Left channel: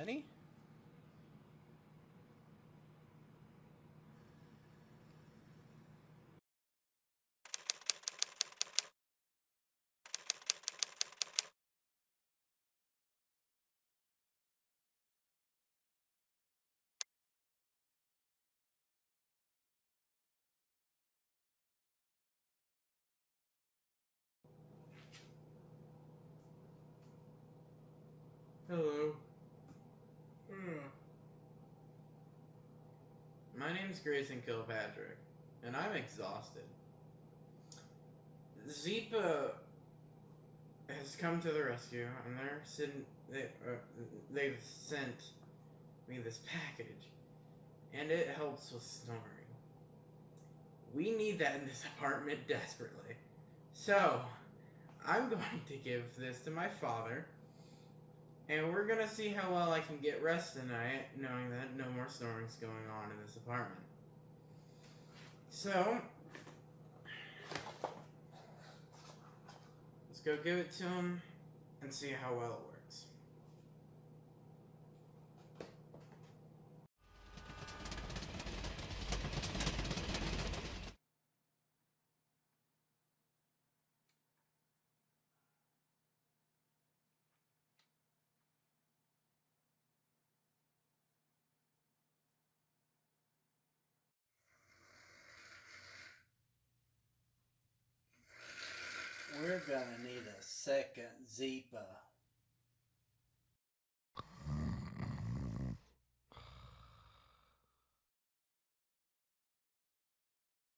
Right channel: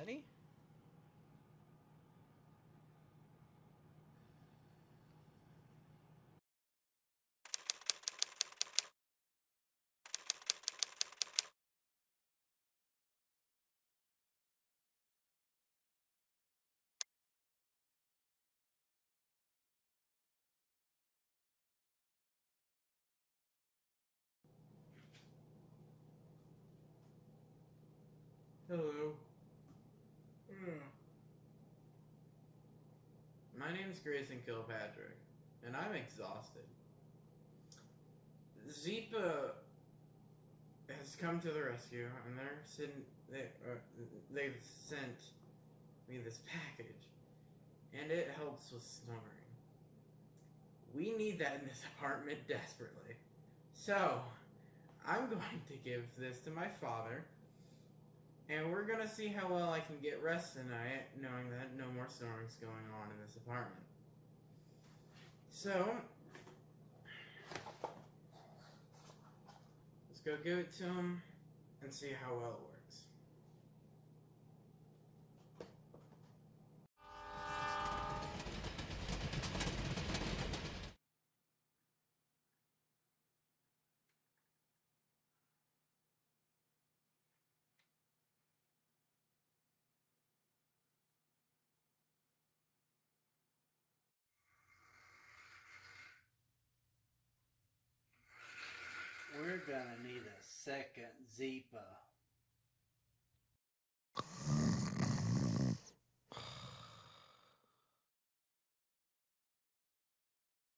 Benny? Hello. My name's Grayson Kilpatrick, and I'm exhausted. Zeepa has come to the rescue, and they've sent me this package, and it helps with snoring. We need that in this apartment desperately. So, I'm going to give this to my father, and we're gonna see how well I can get rest tonight, knowing that no more snoring's going on in this apartment. So, let's go give it to him and see how well it works. We're gonna need a second Zeepa.